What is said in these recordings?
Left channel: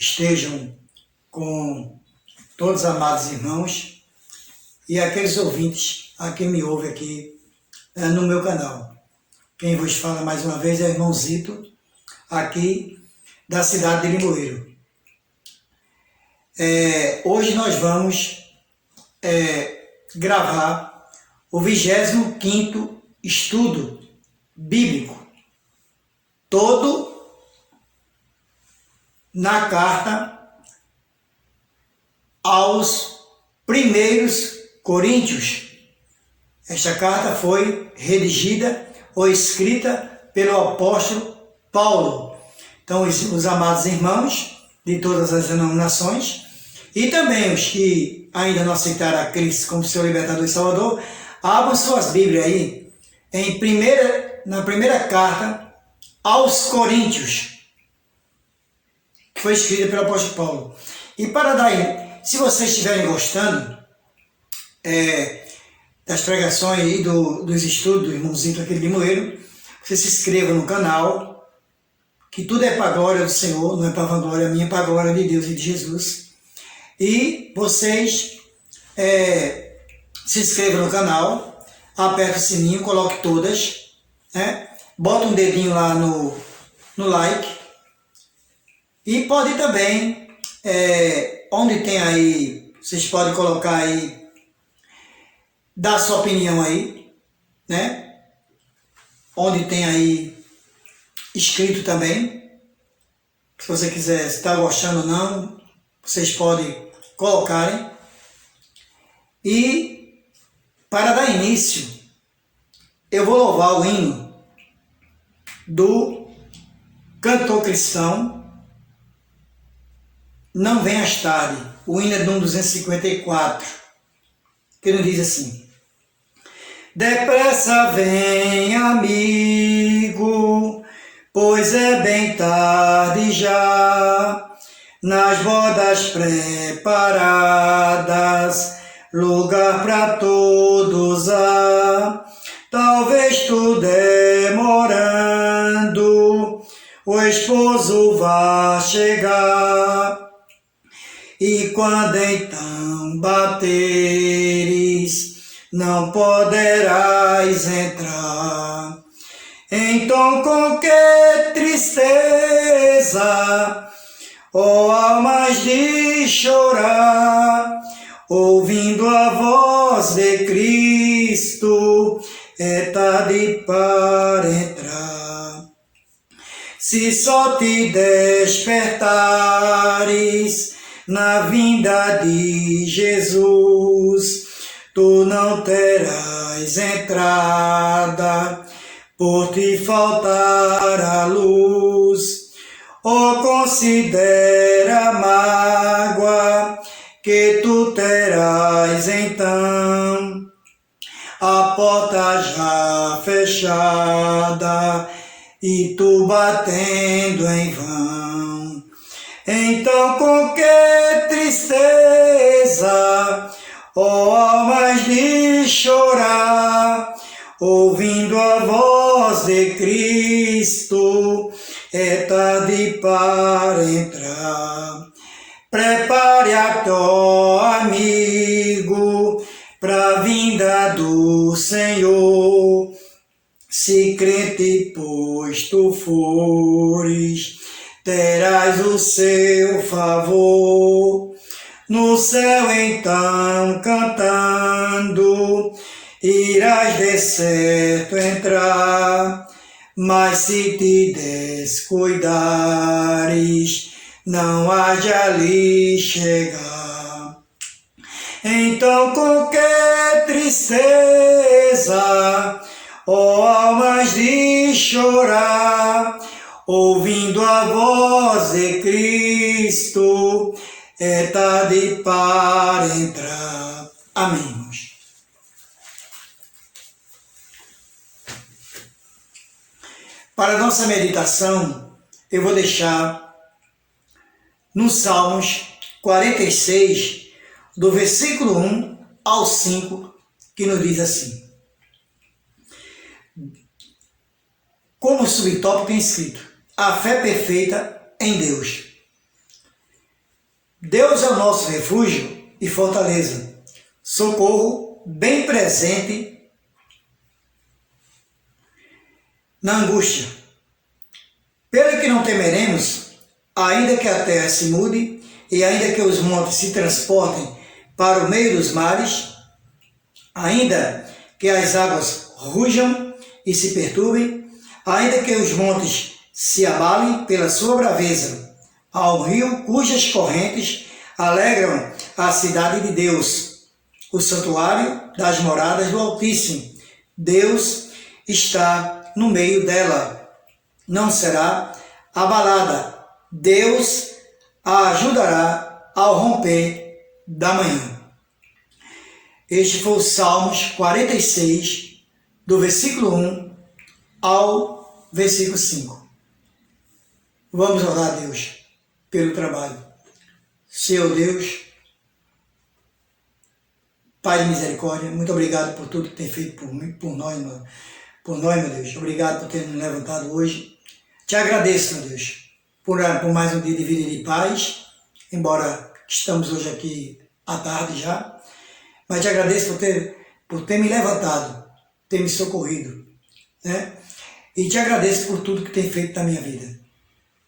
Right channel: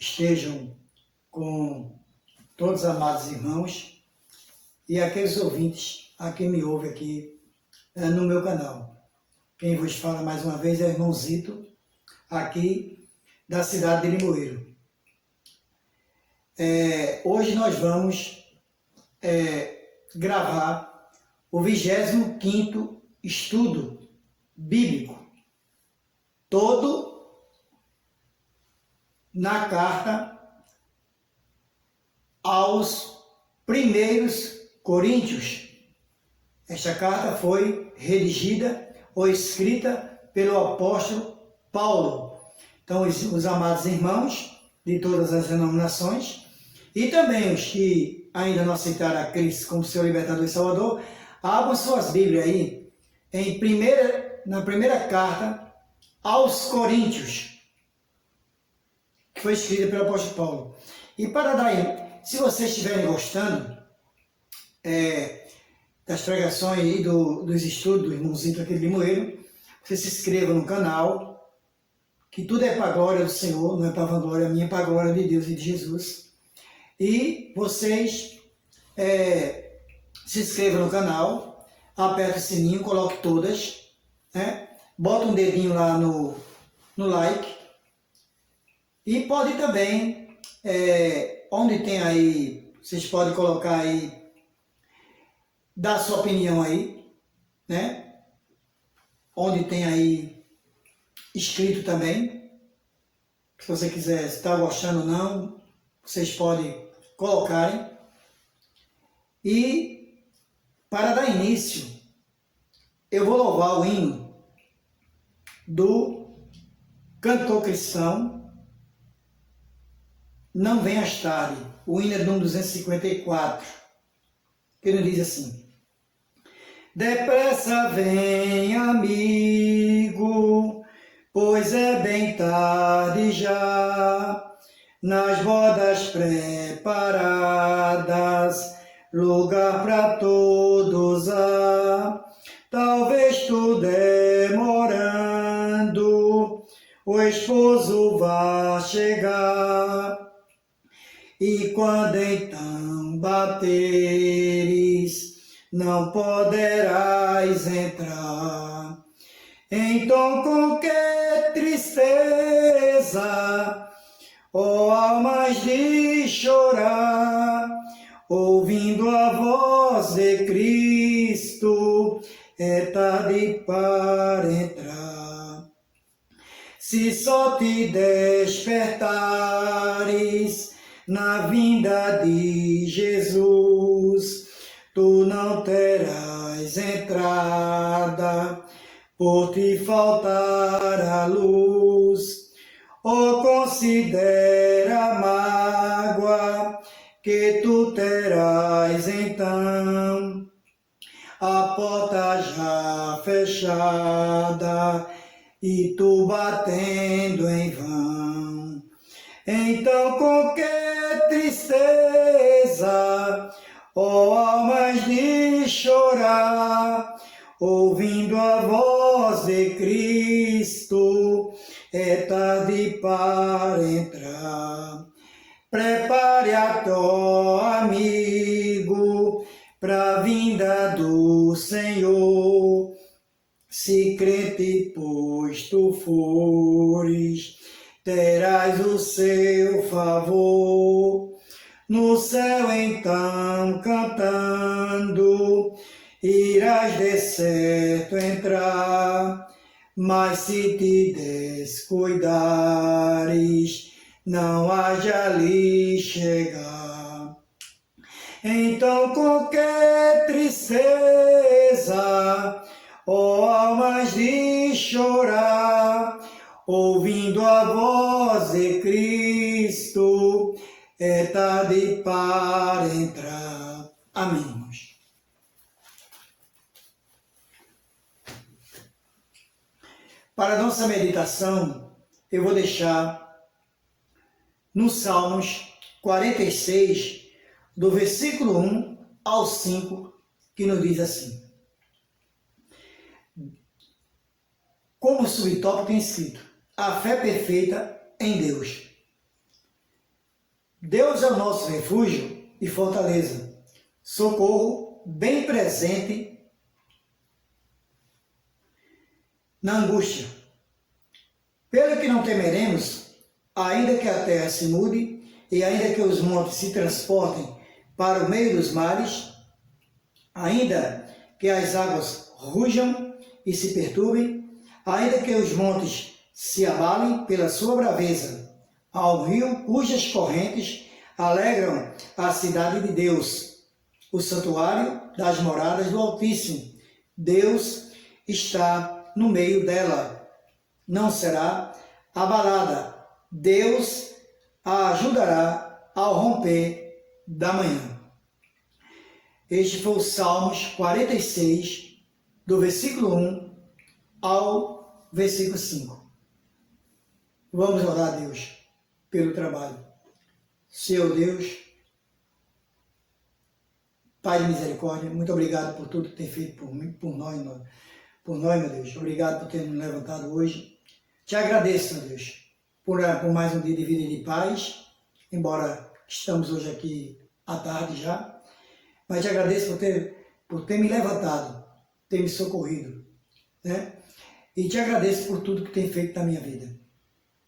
estejam com todos os amados irmãos e aqueles ouvintes a quem me ouve aqui no meu canal. Quem vos fala mais uma vez é o irmão Zito, aqui da cidade de Limoeiro. Hoje nós vamos gravar o 25º estudo bíblico, todo na carta aos primeiros Coríntios. Esta carta foi redigida ou escrita pelo apóstolo Paulo. Então, os amados irmãos de todas as denominações e também os que ainda não aceitaram a Cristo como seu libertador e salvador, abram suas Bíblias aí na primeira carta aos Coríntios, que foi escrita pelo apóstolo Paulo. E para daí, se vocês estiverem gostando das pregações e dos estudos do irmãozinho aqui de Limoeiro, você se inscreva no canal, que tudo é para a glória do Senhor, não é para a vanglória minha, é para a glória de Deus e de Jesus. E vocês se inscrevam no canal, aperta o sininho, coloque todas, bota um dedinho lá no like, e pode também, onde tem aí, vocês podem colocar aí, dar sua opinião aí, onde tem aí escrito também, se você quiser, se está gostando ou não, vocês podem colocarem. E para dar início, eu vou louvar o hino do cantor cristão Não Venhas Tarde, o hino é de 254, que nos diz assim: depressa vem, amigo, pois é bem tarde já, nas bodas preparadas, lugar para todos há. Talvez tu demorando, o esposo vá chegar, e quando então bateres, não poderás entrar. Então com que tristeza, ó almas de chorar, ouvindo a voz de Cristo, é tarde para entrar. Se só te despertares na vinda de Jesus, tu não terás entrada, por te faltar a luz. Oh, considera a mágoa que tu terás então, a porta já fechada e tu batendo em vão. Então com que tristeza, ó almas de chorar, ouvindo a voz de Cristo, é tarde para entrar. Prepare a teu amigo para a vinda do Senhor. Se crente, pois tu fores, terás o seu favor. No céu então cantando, irás de certo entrar, mas se te descuidares, não há de ali chegar. Então com que tristeza, ó almas de chorar, ouvindo a voz de Cristo, é tarde para entrar. Amém, irmãos. Para a nossa meditação, eu vou deixar no Salmos 46, do versículo 1 ao 5, que nos diz assim. Como subtópico tem escrito: a fé perfeita em Deus. Deus é o nosso refúgio e fortaleza, socorro bem presente na angústia. Pelo que não temeremos, ainda que a terra se mude e ainda que os montes se transportem para o meio dos mares, ainda que as águas rujam e se perturbem, ainda que os montes se abalem pela sua braveza, ao rio cujas correntes alegram a cidade de Deus, o santuário das moradas do Altíssimo. Deus está no meio dela, não será abalada. Deus a ajudará ao romper da manhã. Este foi o Salmos 46, do versículo 1 ao versículo 5. Vamos orar a Deus pelo trabalho. Senhor Deus, Pai de misericórdia, muito obrigado por tudo que tem feito por nós, meu Deus. Obrigado por ter nos levantado hoje. Te agradeço, meu Deus, por mais um dia de vida e de paz, embora estamos hoje aqui à tarde já, mas te agradeço por ter me levantado, ter me socorrido, né? E te agradeço por tudo que tem feito na minha vida.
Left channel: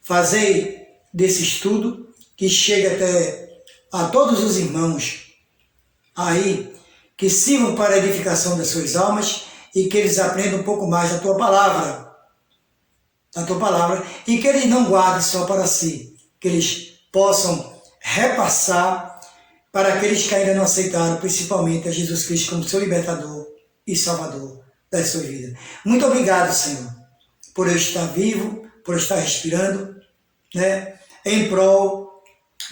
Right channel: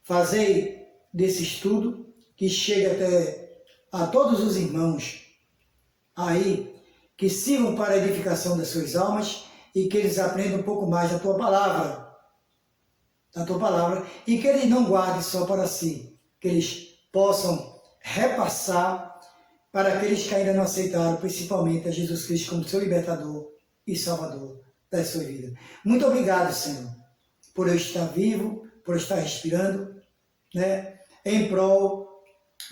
Fazei desse estudo que chegue até a todos os irmãos aí, que sirvam para a edificação das suas almas e que eles aprendam um pouco mais da tua palavra, e que eles não guardem só para si, que eles possam repassar para aqueles que ainda não aceitaram, principalmente a Jesus Cristo como seu libertador e salvador da sua vida. Muito obrigado, Senhor, por eu estar vivo, por eu estar respirando, né, em prol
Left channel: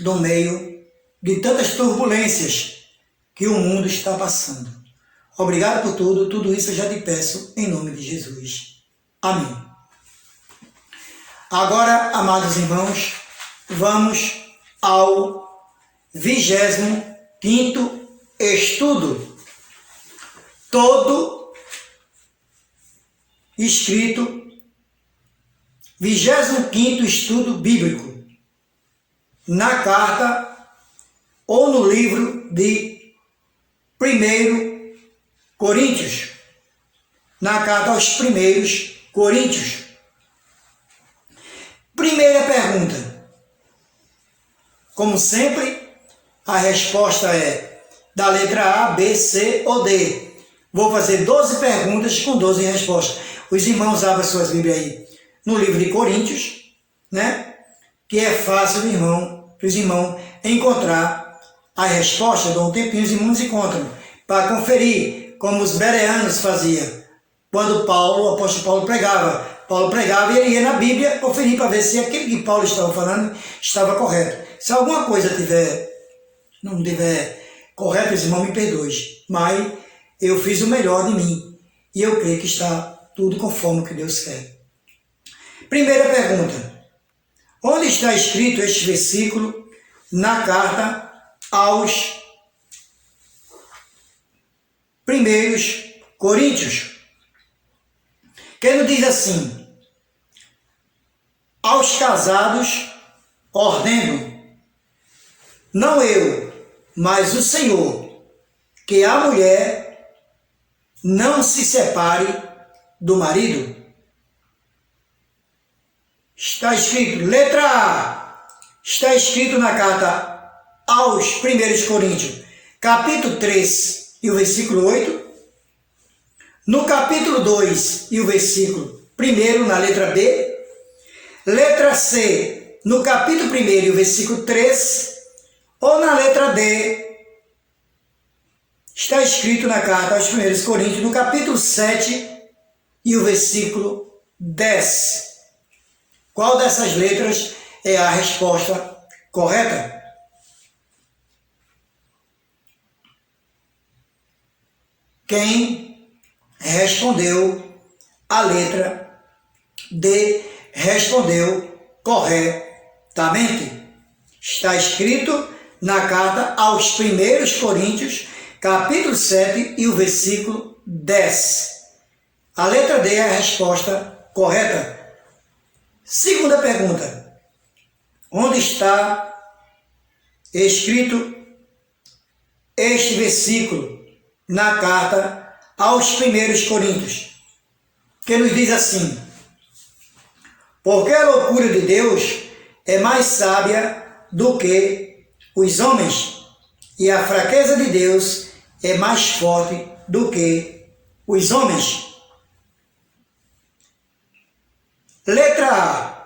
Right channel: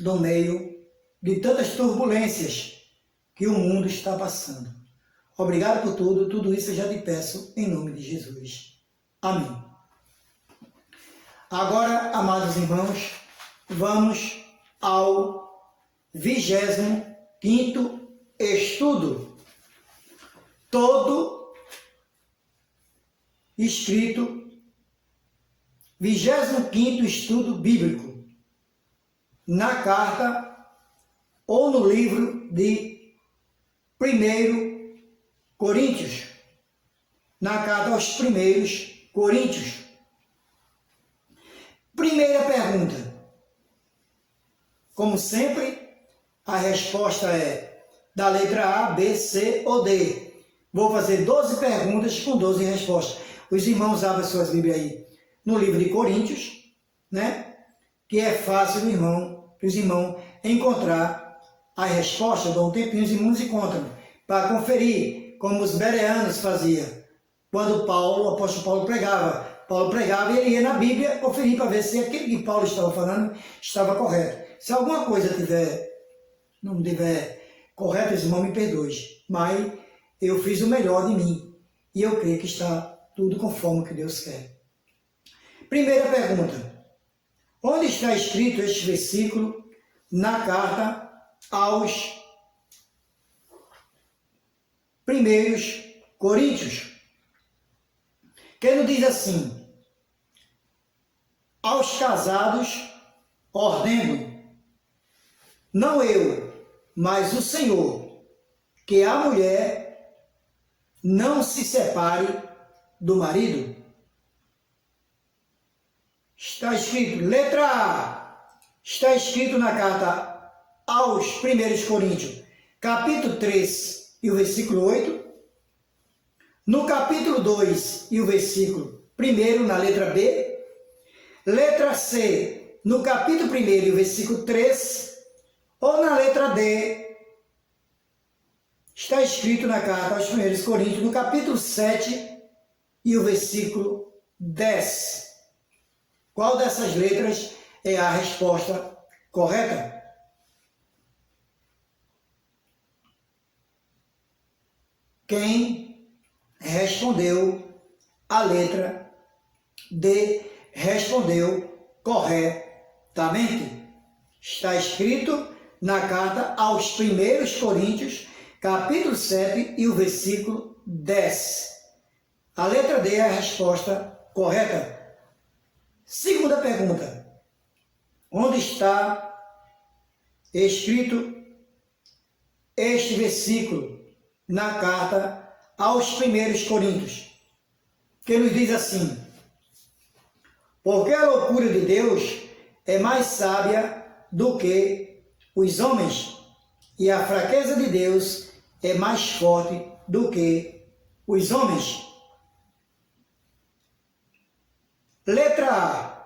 do meio de tantas turbulências que o mundo está passando. Obrigado por tudo isso eu já te peço em nome de Jesus. Amém. Agora, amados irmãos, vamos ao 25º estudo, todo escrito, 25º estudo bíblico, na carta ou no livro de 1 Coríntios, na carta aos 1 Coríntios. Primeira pergunta. Como sempre, a resposta é da letra A, B, C ou D. Vou fazer 12 perguntas com 12 respostas. Os irmãos abrem suas Bíblias aí no livro de Coríntios, né? Que é fácil para os irmãos encontrar a resposta. Dou um tempinho, os irmãos encontram, para conferir, como os bereanos faziam. Quando o apóstolo Paulo pregava e ele ia na Bíblia conferir para ver se aquilo que Paulo estava falando estava correto. Se alguma coisa não estiver correta, os irmãos me perdoem, mas eu fiz o melhor de mim e eu creio que está tudo conforme o que Deus quer. Primeira pergunta. Onde está escrito este versículo na carta aos 1 Coríntios? Que ele diz assim: aos casados ordeno, não eu, mas o Senhor, que a mulher não se separe do marido. Está escrito, letra A, está escrito na carta aos 1 Coríntios, capítulo 3 e o versículo 8, no capítulo 2 e o versículo 1, na letra B, letra C, no capítulo 1 e o versículo 3, ou na letra D, está escrito na carta aos 1 Coríntios, no capítulo 7 e o versículo 10. Qual dessas letras é a resposta correta? Quem respondeu a letra D respondeu corretamente. Está escrito na carta aos 1 Coríntios, capítulo 7 e o versículo 10. A letra D é a resposta correta. Segunda pergunta. Onde está escrito este versículo na carta aos 1 Coríntios, que nos diz assim: porque a loucura de Deus é mais sábia do que os homens, e a fraqueza de Deus é mais forte do que os homens. Letra A.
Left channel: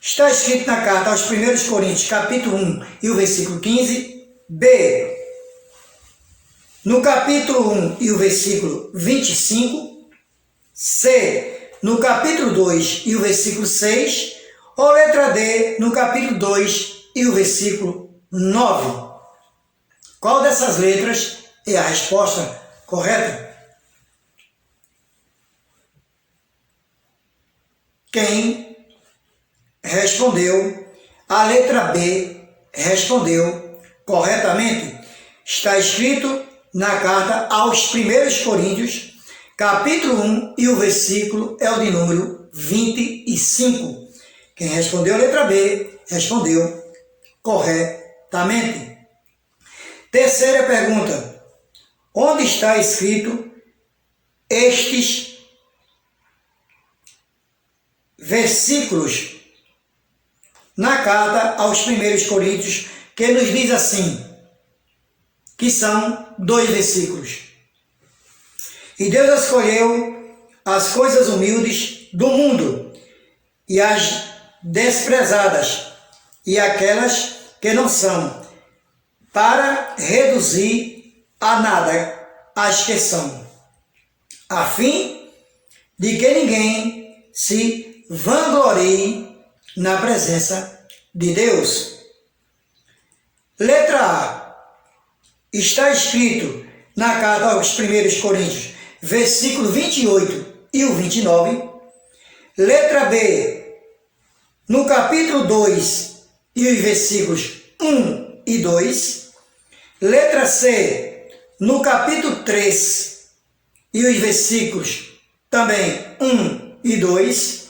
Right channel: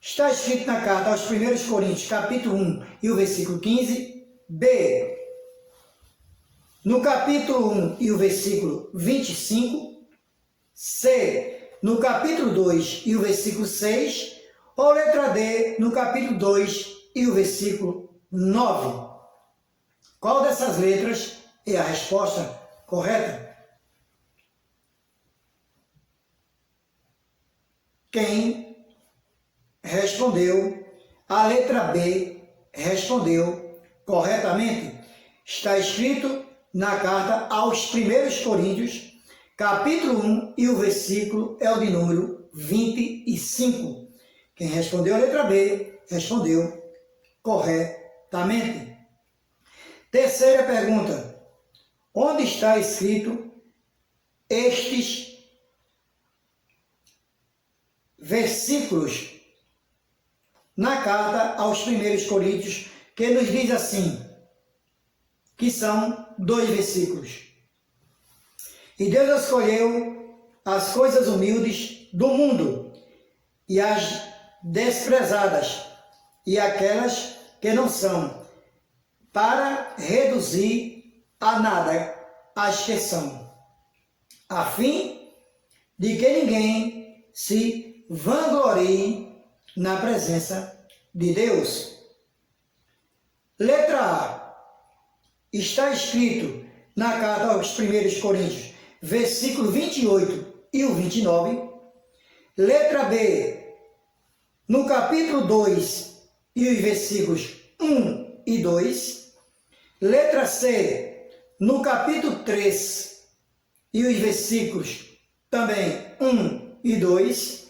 Está escrito na carta aos 1 Coríntios, capítulo 1 e o versículo 15. B. No capítulo 1 e o versículo 25. C. No capítulo 2 e o versículo 6. Ou letra D. No capítulo 2 e o versículo 9. Qual dessas letras é a resposta correta? Quem respondeu a letra B respondeu corretamente. Está escrito na carta aos 1 Coríntios, capítulo 1, e o versículo é o de número 25. Quem respondeu a letra B respondeu corretamente. Terceira pergunta: onde está escrito estes versículos na carta aos 1 Coríntios, que nos diz assim, que são 2 versículos? E Deus escolheu as coisas humildes do mundo e as desprezadas e aquelas que não são, para reduzir a nada as que são, a fim de que ninguém se vanglorie na presença de Deus. Letra A. Está escrito na carta aos 1 Coríntios, versículo 28 e o 29. Letra B. No capítulo 2 e os versículos 1 e 2. Letra C, no capítulo 3 e os versículos também 1 e 2.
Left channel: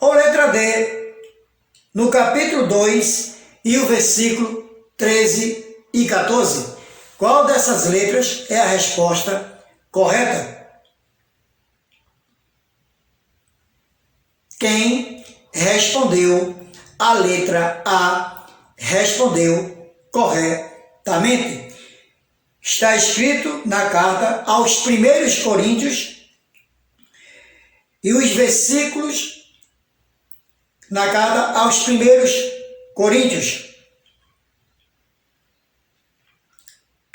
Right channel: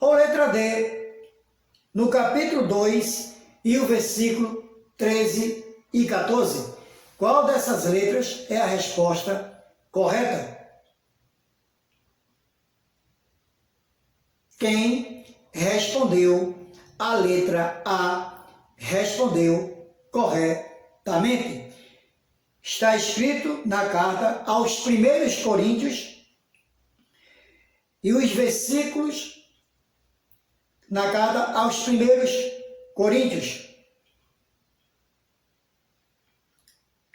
Ou letra D, no capítulo 2 e o versículo 13 e 14. Qual dessas letras é a resposta correta? Quem respondeu a letra A respondeu corretamente. Está escrito na carta aos 1 Coríntios e os versículos na carta aos 1 Coríntios,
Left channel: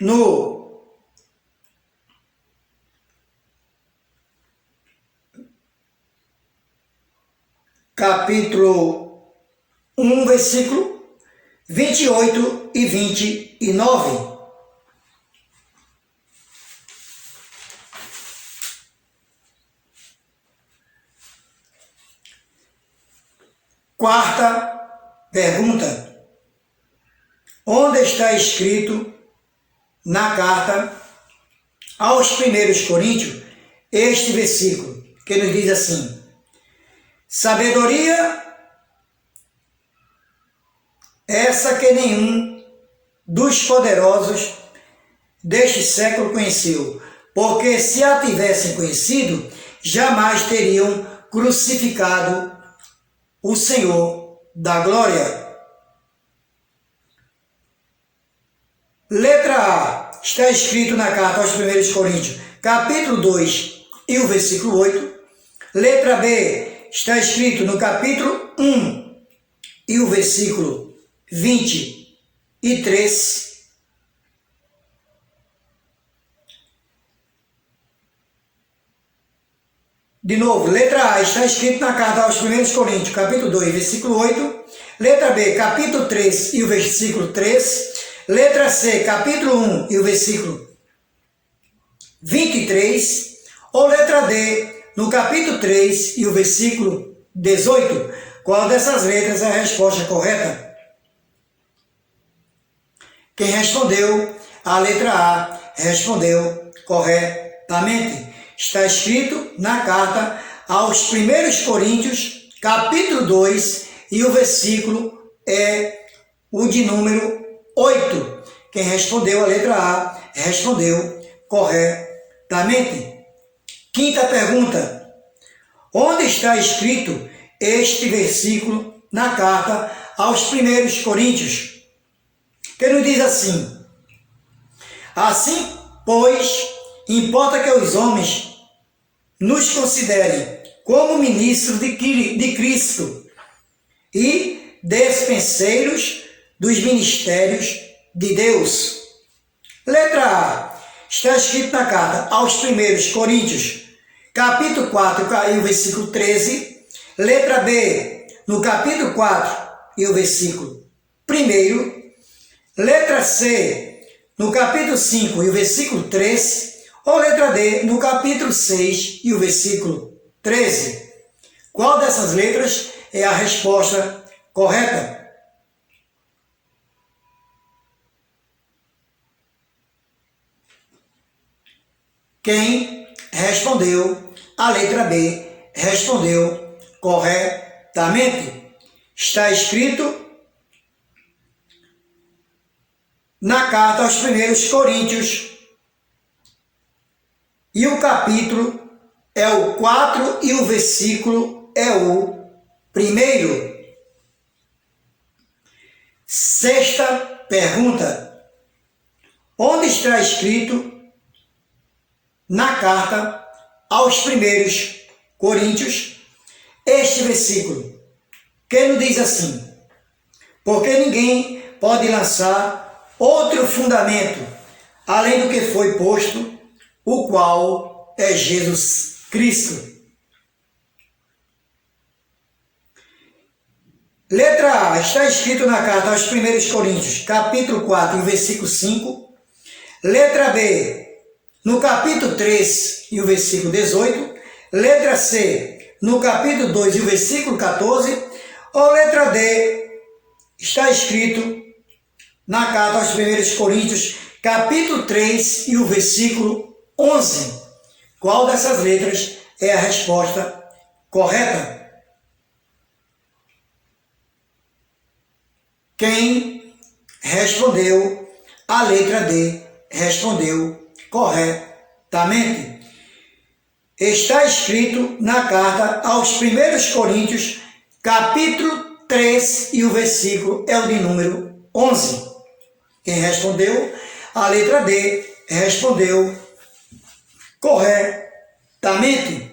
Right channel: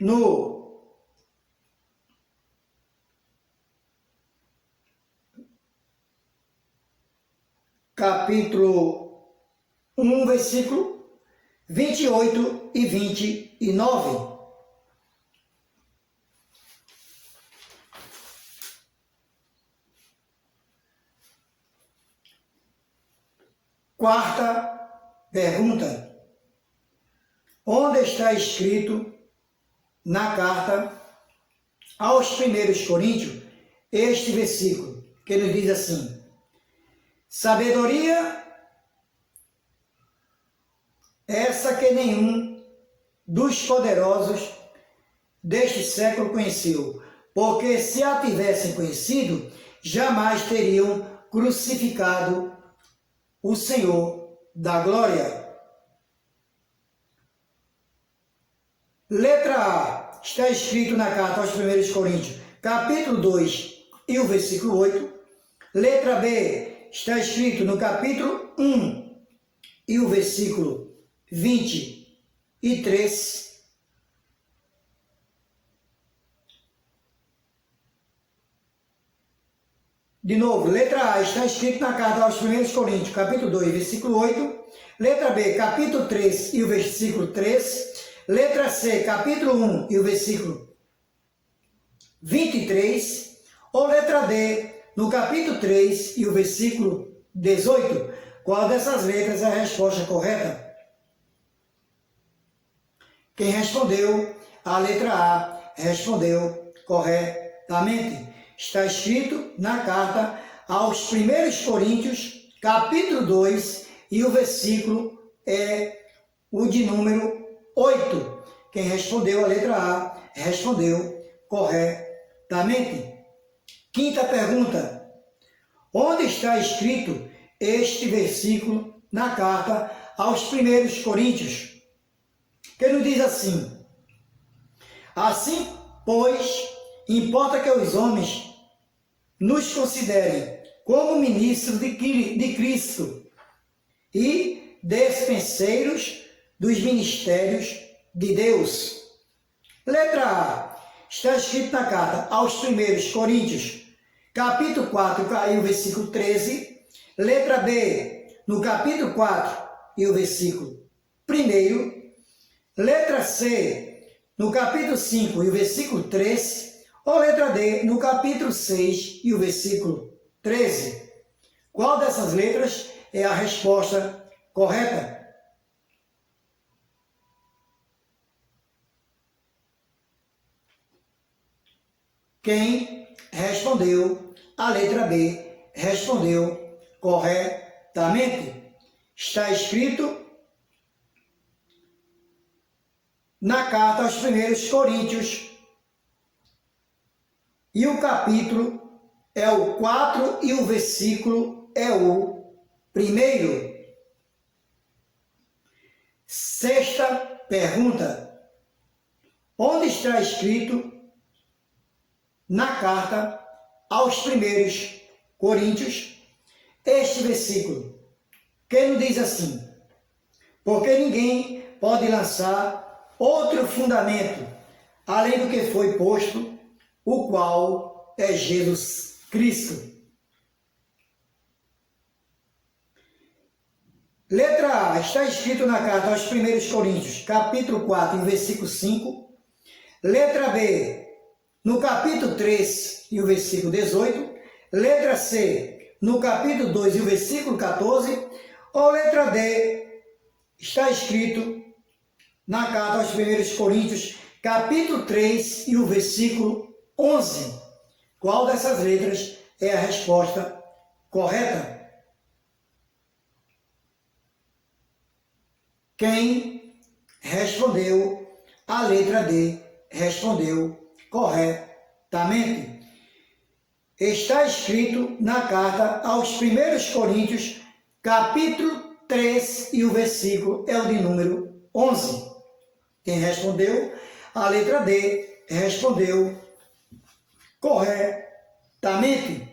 no capítulo 1, versículo 28 e 29. Quarta pergunta: onde está escrito na carta aos 1 Coríntios este versículo, que nos diz assim: sabedoria essa que nenhum dos poderosos deste século conheceu, porque se a tivessem conhecido, jamais teriam crucificado o Senhor da glória. Letra A. Está escrito na carta aos 1 Coríntios, capítulo 2 e o versículo 8. Letra B. Está escrito no capítulo 1 e o versículo 23. De novo, letra A, está escrito na carta aos 1 Coríntios, capítulo 2, versículo 8. Letra B, capítulo 3 e o versículo 3. Letra C, capítulo 1 e o versículo 23. Ou letra D, no capítulo 3 e o versículo 18. Qual dessas letras é a resposta correta? Quem respondeu a letra A respondeu corretamente. Está escrito na carta aos 1 Coríntios, capítulo 2, e o versículo é o de número 8. Quem respondeu a letra A, respondeu corretamente. Quinta pergunta. Onde está escrito este versículo na carta aos 1 Coríntios? Que nos diz assim: assim, pois, importa que os homens nos considerem como ministros de Cristo e despenseiros dos ministérios de Deus. Letra A. Está escrito na carta aos 1 Coríntios, capítulo 4 e o versículo 13. Letra B. No capítulo 4 e o versículo 1. Letra C. No capítulo 5 e o versículo 3. Ou letra D. No capítulo 6 e o versículo 13. Qual dessas letras é a resposta correta? Quem respondeu a letra B respondeu corretamente. Está escrito na carta aos 1 Coríntios e o capítulo é o 4 e o versículo é o 1. Sexta pergunta. Onde está escrito na carta aos 1 Coríntios este versículo, que nos diz assim: porque ninguém pode lançar outro fundamento além do que foi posto, o qual é Jesus Cristo. Letra A. Está escrito na carta aos 1 Coríntios, capítulo 4, versículo 5. Letra B. No capítulo 3 e o versículo 18. Letra C. No capítulo 2 e o versículo 14. Ou letra D. Está escrito na carta aos 1 Coríntios, capítulo 3 e o versículo 11. Qual dessas letras é a resposta correta? Quem respondeu a letra D respondeu corretamente. Está escrito na carta aos 1 Coríntios, capítulo 3 e o versículo é o de número 11. Quem respondeu a letra D respondeu corretamente.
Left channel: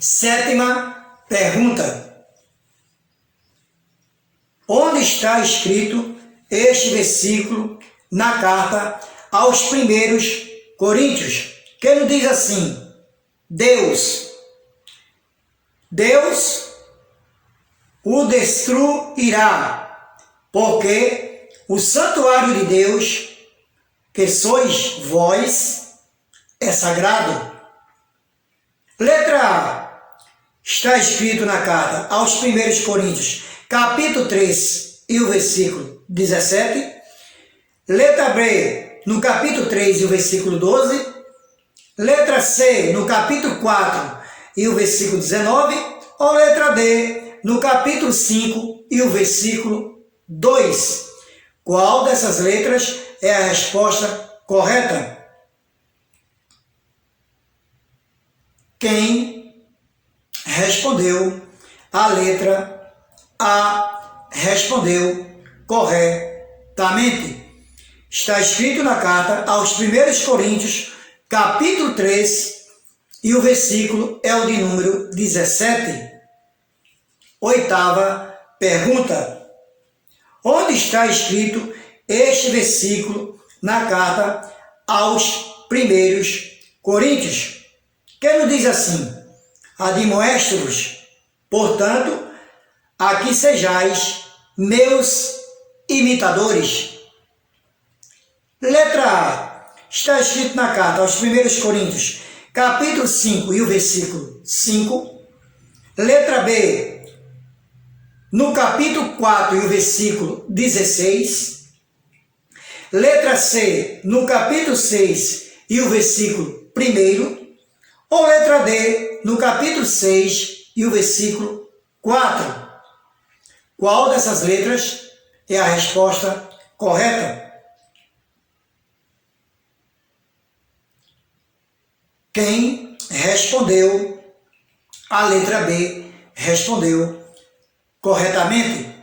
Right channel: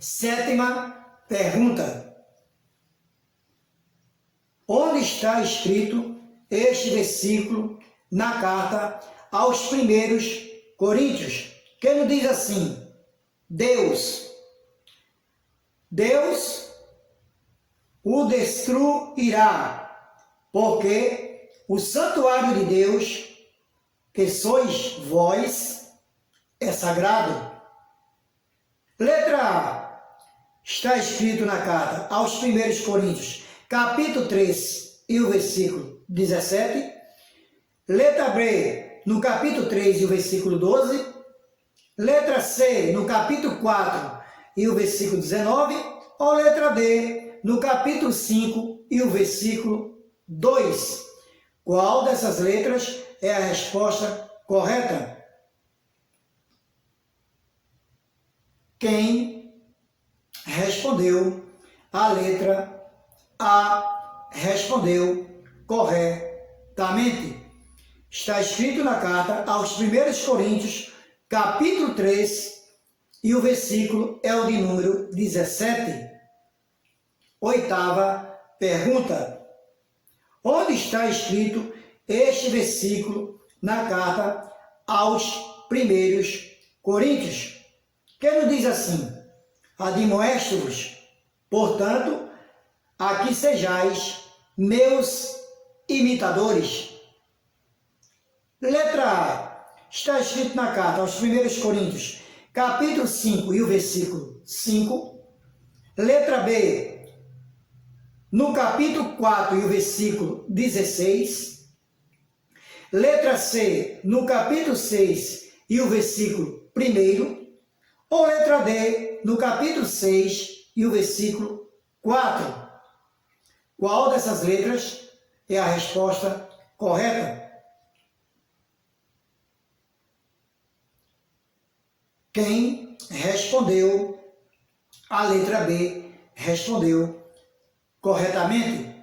Sétima pergunta. Onde está escrito este versículo na carta aos 1 Coríntios? Que ele diz assim: Deus o destruirá, porque o santuário de Deus, que sois vós, é sagrado. Letra A. Está escrito na carta aos 1 Coríntios, capítulo 3 e o versículo 17. Letra B. No capítulo 3 e o versículo 12. Letra C. No capítulo 4 e o versículo 19. Ou letra D. No capítulo 5 e o versículo 2. Qual dessas letras é a resposta correta? Quem respondeu a letra A respondeu corretamente. Está escrito na carta aos 1 Coríntios, capítulo 3, e o versículo é o de número 17. Oitava pergunta. Onde está escrito este versículo na carta aos 1 Coríntios? Que nos diz assim: admoesto-vos, portanto, a que sejais meus imitadores. Letra A. Está escrito na carta aos 1 Coríntios, capítulo 5 e o versículo 5. Letra B. No capítulo 4 e o versículo 16. Letra C. No capítulo 6 e o versículo 1. Ou letra D, no capítulo 6 e o versículo 4. Qual dessas letras é a resposta correta? Quem respondeu a letra B respondeu corretamente.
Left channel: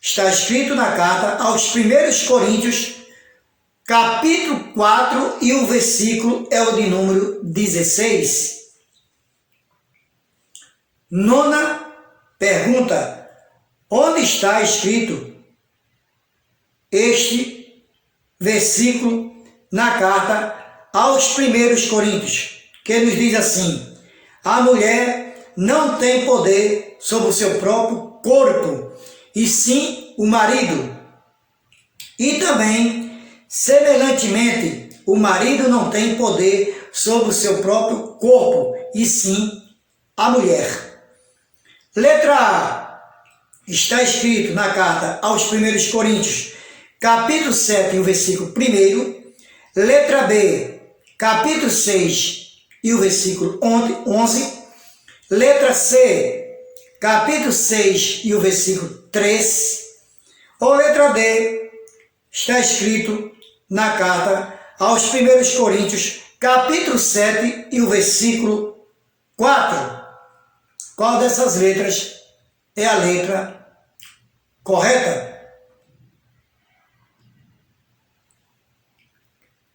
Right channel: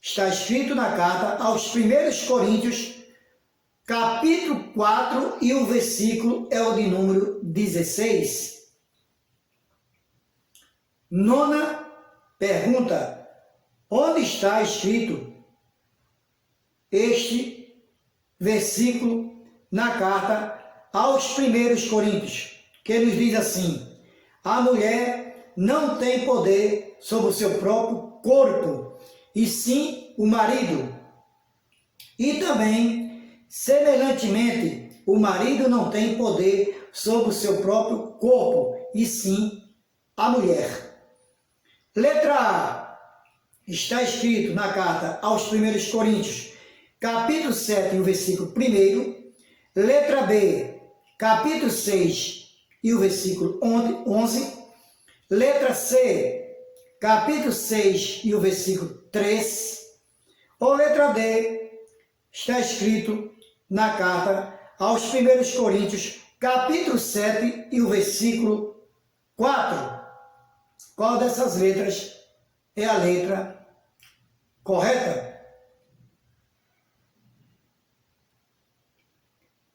Está escrito na carta aos 1 Coríntios, capítulo 4, e o versículo é o de número 16. Nona pergunta: onde está escrito este versículo na carta aos 1 Coríntios, que nos diz assim: a mulher não tem poder sobre o seu próprio corpo, e sim o marido. E também, semelhantemente, o marido não tem poder sobre o seu próprio corpo, e sim a mulher. Letra A. Está escrito na carta aos 1 Coríntios, capítulo 7, e o versículo 1. Letra B, capítulo 6 e o versículo 11. Letra C, capítulo 6 e o versículo 3. Ou letra D, está escrito na carta aos 1 Coríntios, capítulo 7 e o versículo 4. Qual dessas letras é a letra correta?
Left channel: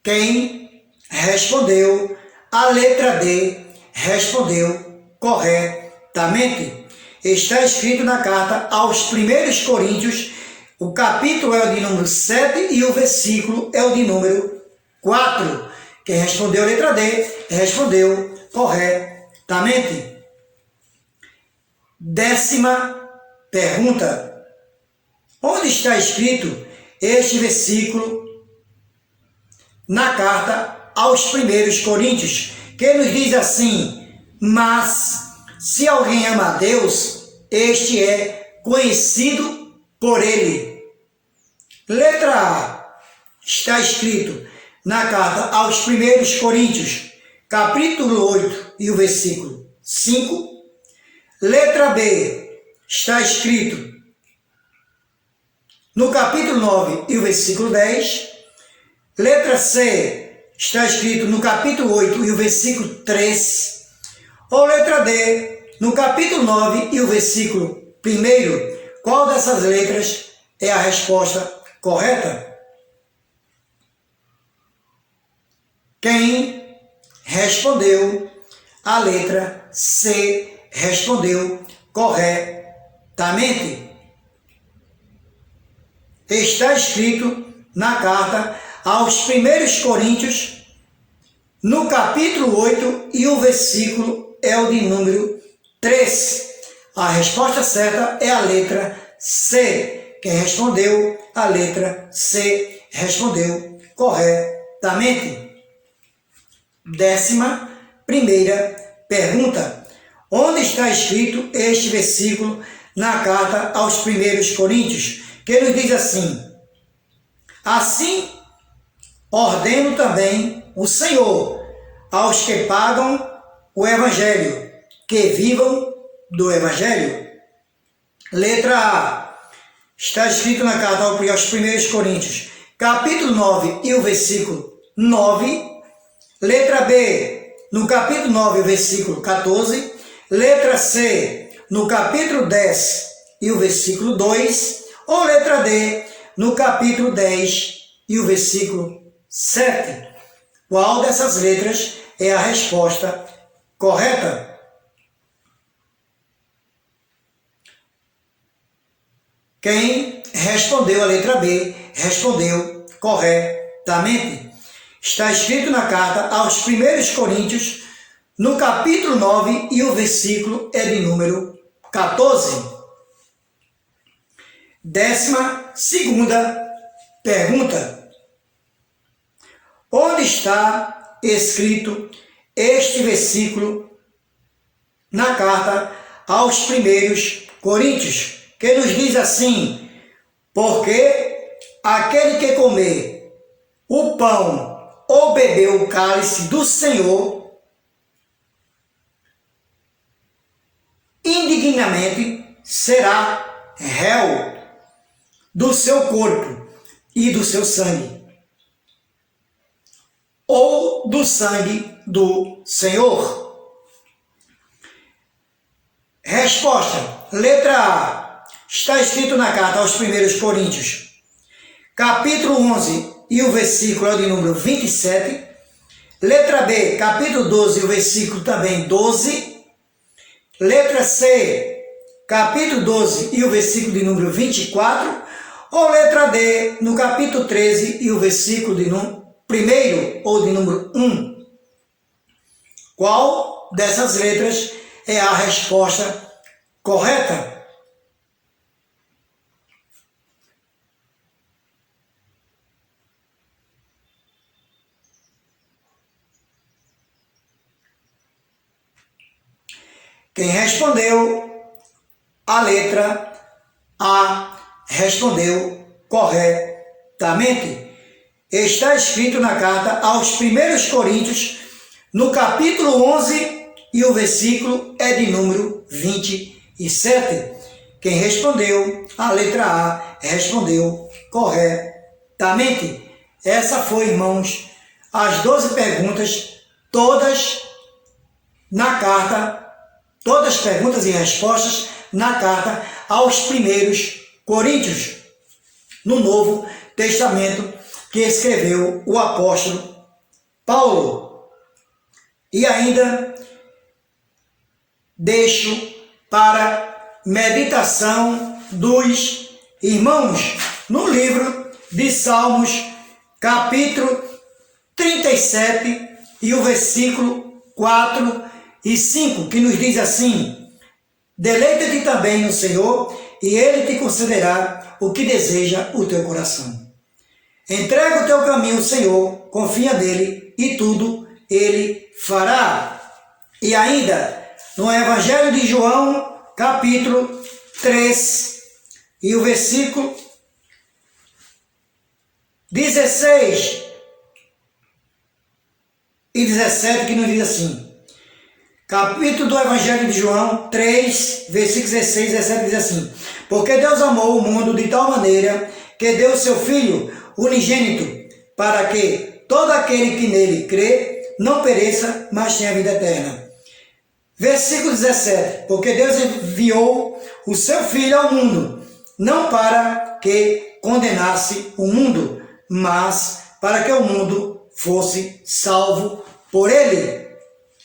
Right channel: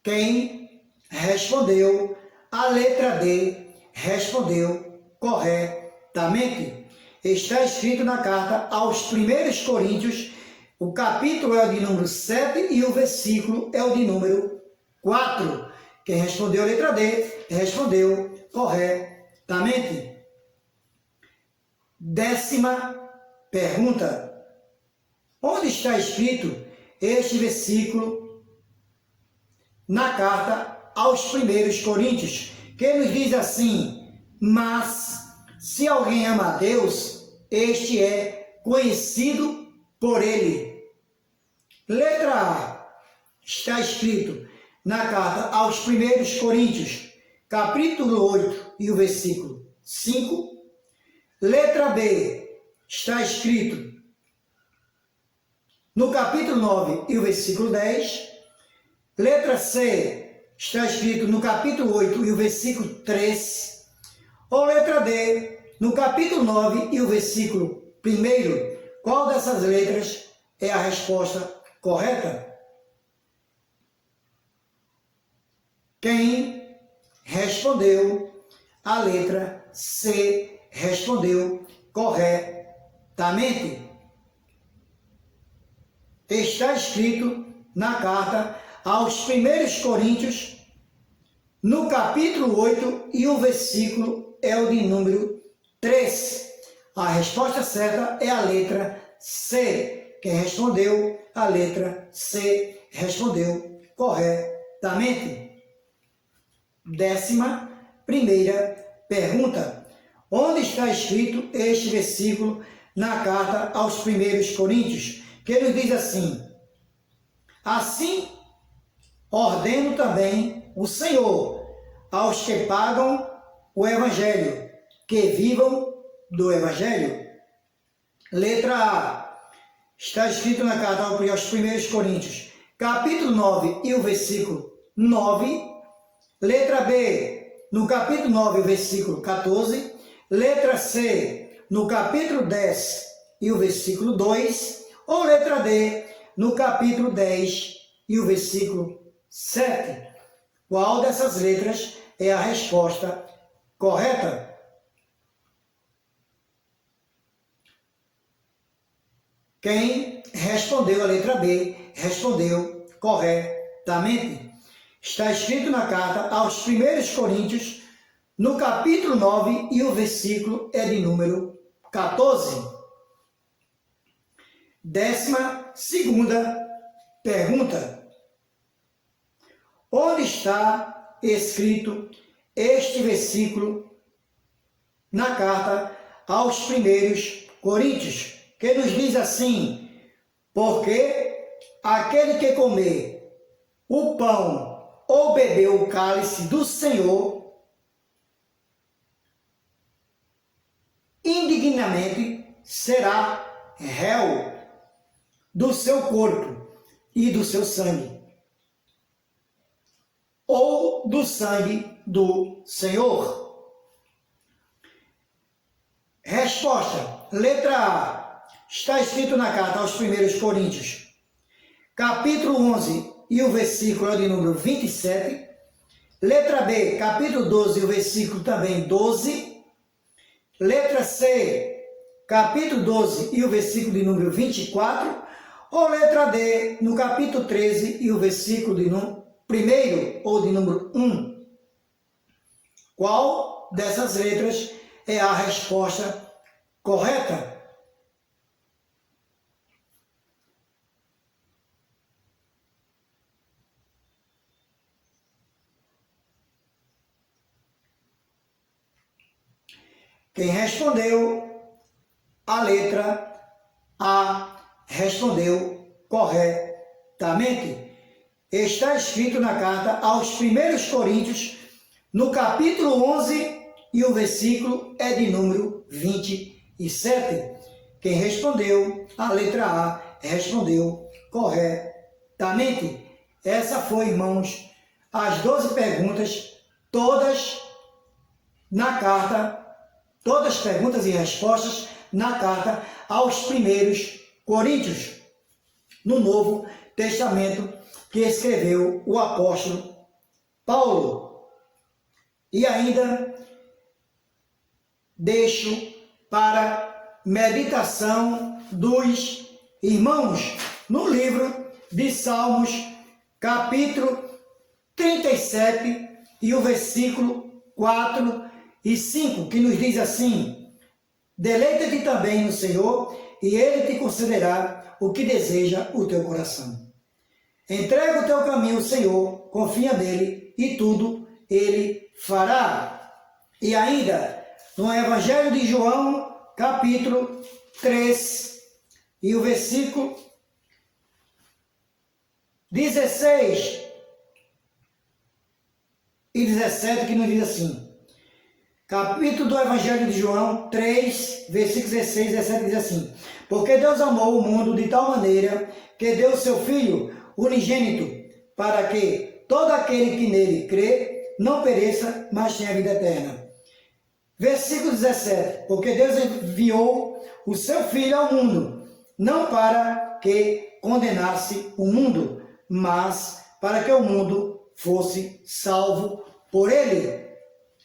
Quem respondeu a letra D respondeu corretamente. Está escrito na carta aos 1 Coríntios, o capítulo é o de número 7 e o versículo é o de número 4. Quem respondeu a letra D respondeu corretamente. Décima pergunta: onde está escrito este versículo na carta aos 1 Coríntios, que nos diz assim: mas se alguém ama a Deus, este é conhecido por ele? Letra A, está escrito na carta aos 1 Coríntios, capítulo 8 e o versículo 5. Letra B, está escrito no capítulo 9 e o versículo 10. Letra C, está escrito no capítulo 8 e o versículo 3. Ou letra D, no capítulo 9 e o versículo 1. Qual dessas letras é a resposta correta? Quem respondeu a letra C respondeu corretamente. Está escrito na carta aos 1 Coríntios, no capítulo 8, e o versículo é o de número 3. A resposta certa é a letra C. Quem respondeu a letra C respondeu corretamente. 11ª pergunta: onde está escrito este versículo na carta aos 1 Coríntios, que nos diz assim: assim ordeno também o Senhor aos que pagam o Evangelho, que vivam do Evangelho? Letra A, está escrito na carta aos 1 Coríntios, capítulo 9 e o versículo 9. Letra B, no capítulo 9, versículo 14. Letra C, no capítulo 10 e o versículo 2. Ou letra D, no capítulo 10 e o versículo 7. Qual dessas letras é a resposta correta? Quem respondeu a letra B respondeu corretamente. Está escrito na carta aos 1 Coríntios, no capítulo 9, e o versículo é de número 14. 12ª pergunta: onde está escrito este versículo na carta aos 1 Coríntios, que nos diz assim: porque aquele que comer o pão ou beber o cálice do Senhor indignamente, será réu do seu corpo e do seu sangue, ou do sangue do Senhor. Resposta. Letra A. Está escrito na carta aos 1 Coríntios, capítulo 11 e o versículo é de número 27. Letra B. Capítulo 12 e o versículo também 12. Letra C. Capítulo 12 e o versículo de número 24. Ou letra D. No capítulo 13 e o versículo de número 1 ou de número 1. Qual dessas letras é a resposta correta? Quem respondeu a letra A respondeu corretamente. Está escrito na carta aos 1 Coríntios, no capítulo 11, e o versículo é de número 27. Quem respondeu a letra A respondeu corretamente. Essa foi, irmãos, as 12 perguntas, todas na carta, todas perguntas e respostas na carta aos 1 Coríntios, no Novo Testamento, que escreveu o apóstolo Paulo. E ainda deixo para meditação dos irmãos no livro de Salmos, capítulo 37 e o versículo 4 e 5, que nos diz assim: deleita-te também no Senhor, e Ele te concederá o que deseja o teu coração. Entrega o teu caminho ao Senhor, confia nele, e tudo Ele fará. E ainda, no Evangelho de João, capítulo 3, e o versículo 16 e 17, que nos diz assim: capítulo do Evangelho de João 3, versículos 16 e 17 diz assim: porque Deus amou o mundo de tal maneira que deu o seu Filho unigênito, para que todo aquele que nele crê não pereça, mas tenha vida eterna. Versículo 17: porque Deus enviou o seu Filho ao mundo, não para que condenasse o mundo, mas para que o mundo fosse salvo por ele.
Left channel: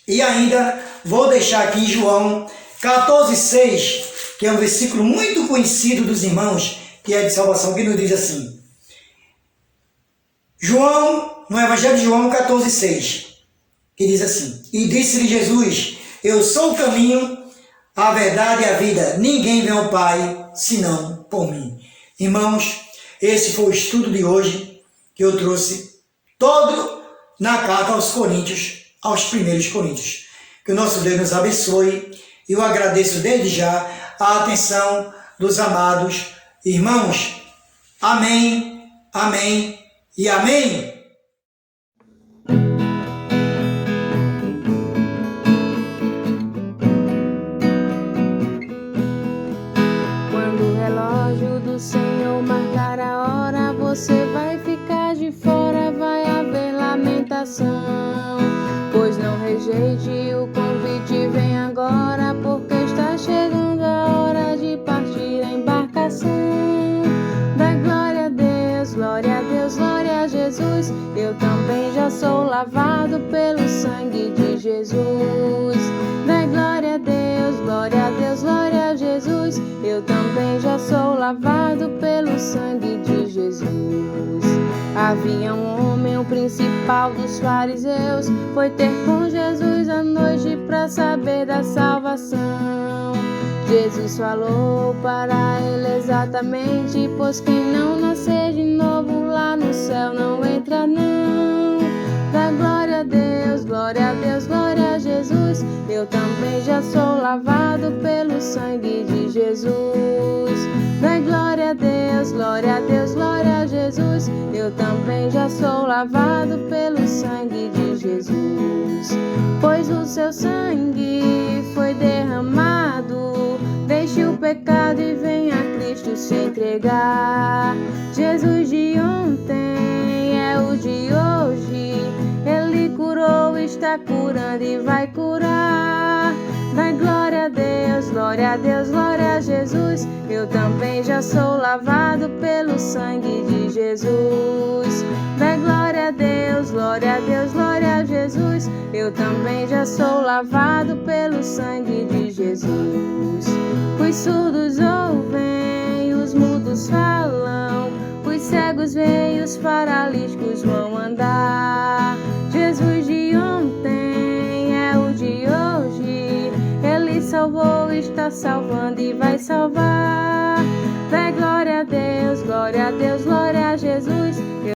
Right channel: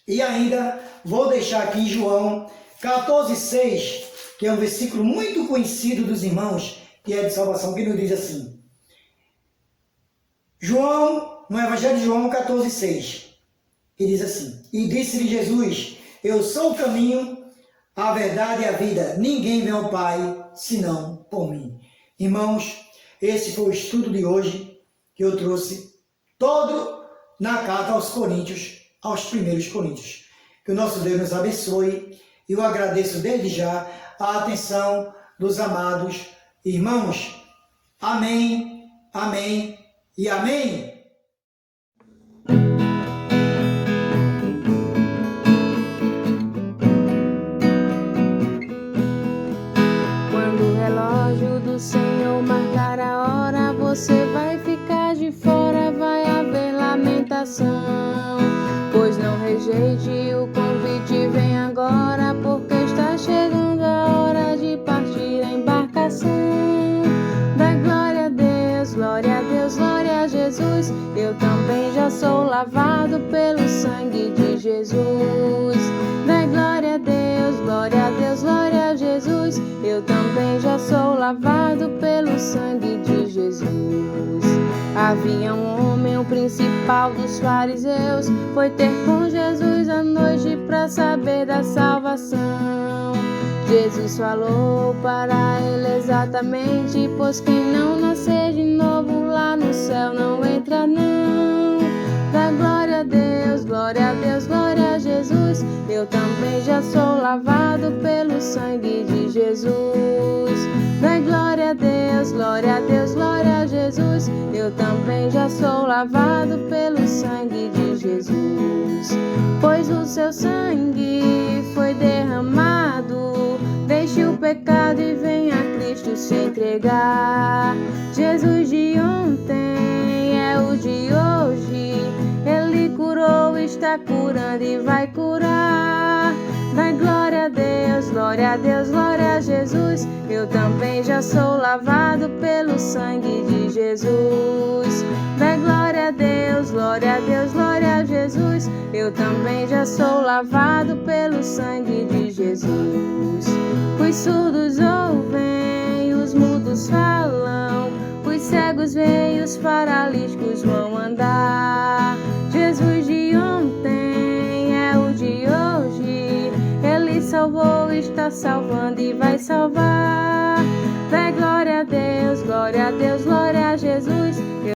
E ainda vou deixar aqui em João 14,6, que é um versículo muito conhecido dos irmãos, que é de salvação, que nos diz assim: João, no Evangelho de João 14,6, que diz assim: e disse-lhe Jesus: eu sou o caminho, a verdade e a vida, ninguém vem ao Pai senão por mim. Irmãos, esse foi o estudo de hoje, que eu trouxe todo na carta aos Coríntios, aos 1 Coríntios. Que o nosso Deus nos abençoe, e eu agradeço desde já a atenção dos amados irmãos. Amém, amém e amém. Quando o relógio do Senhor marcar a hora, você vai ficar de fora, vai haver lamentação. Pois não rejeite o convite, vem agora, porque está chegando a hora de partir a embarcação. Dá glória a Deus, glória a Deus, glória a Jesus. Eu também já sou lavado pelo sangue de Jesus. Dá glória a Deus, glória a Deus, glória a Jesus. Eu também já sou lavado pelo sangue de Jesus. Havia um homem, o principal dos fariseus, foi ter com Jesus à noite para saber da salvação. Jesus falou para ele exatamente: pois quem não nascer de novo lá no céu não entra não. Dá glória a Deus, glória a Deus, glória a Jesus. Eu também já sou lavado pelo sangue de Jesus. Dá glória a Deus, glória a Deus, glória a Jesus. Eu também já sou lavado pelo sangue de Jesus. Pois o seu sangue foi derramado pecado e vem a Cristo se entregar. Jesus de ontem é o de hoje, Ele curou, está curando e vai curar. Vai, glória a Deus, glória a Deus, glória a Jesus. Eu também já sou lavado pelo sangue de Jesus. Vai, glória a Deus, glória a Deus, glória a Jesus. Eu também já sou lavado pelo sangue de Jesus. Os surdos ouvem, os mudos falam, os cegos veem, os paralíticos vão andar. Jesus de ontem é o de hoje, Ele salvou, está salvando e vai salvar. Vai, glória a Deus, glória a Deus, glória